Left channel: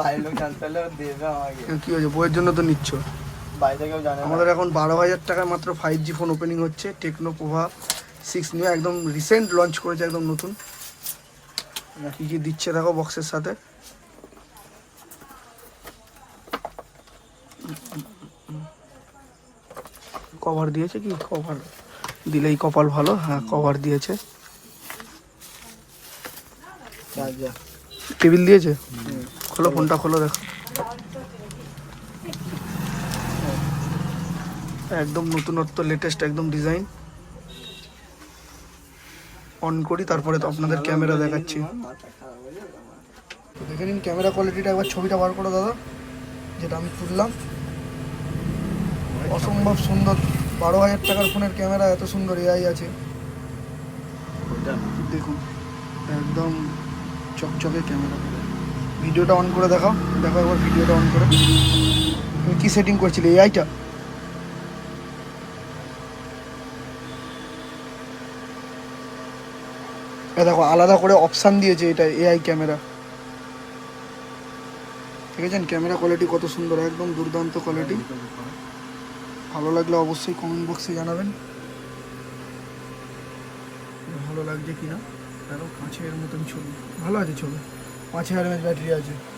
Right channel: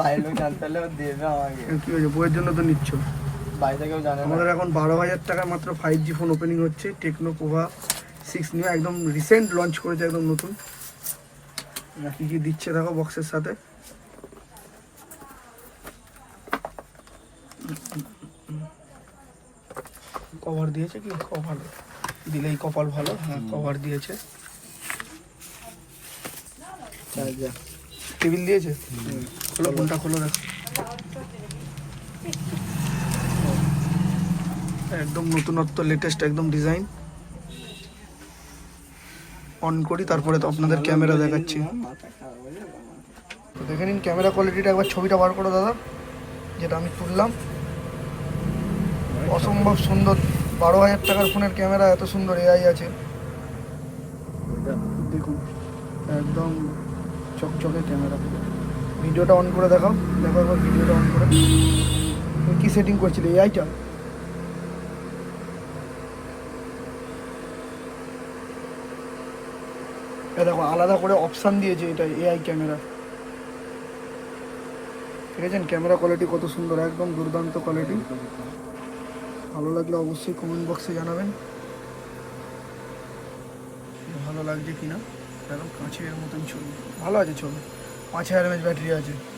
বাইরের লোক জানতে পারলে দেবে আমাকে। কি হয়েছে বইয়ের জন্য তো নিচ্ছ। বাড়িতে কেউ জানে আমাদের এখন বারো হাজার টাকায় মাত্র ফাইভ জি ফোন ওপেনিং হচ্ছে টেকনো পোভা সিক্স নিউ একদম রিসেন্ট লঞ্চ করেছে একদম নতুন। কি কি দিচ্ছে দেখো বক্সের সাথে। কভার দিয়েছে কি? কভার দিলেই কপাল ভালো। হ্যাঁ কভার দিয়েছে। টেবিল দিয়েছে? খোলো ফোনটা খোলো দেখো। একদম নতুনত্ব লেটেস্ট একদম ডিজাইন অন করি, তারপরে তো আপনাদের ক্যামেরা দেখাচ্ছি। দেখে নিন ক্যামেরা কোয়ালিটিটা একবার ছবিটা বার করো দাদা, যেটা আমি তুললাম। অসম্ভব সুন্দর, বারো হাজার টাকার ফোনের ক্যামেরা এত সুন্দর এআই আছে। দেখুন, একদম চকচকে ক্যামেরা ভিডিওটা অন করে দেখাও। দেখো একবার ভিডিওটা অন করে। তুমি কী সেটিং করছিলে? এআইটা দেখো, আলাদা করে অপশান দিয়েছে এটা এআই ক্যামেরা। ঠিক আছে? ক্যামেরা কোয়ালিটি কত সুন্দর, একদম দুর্দান্ত কোয়ালিটি ভালো লাগলে অবশ্যই কমেন্ট বক্সে জানাবেন। ভালো লাগছে কিনা? হাজার মতন ছবি। ভালো আছে ছবি। পাঁচ হাজার ব্যাটারি আছে।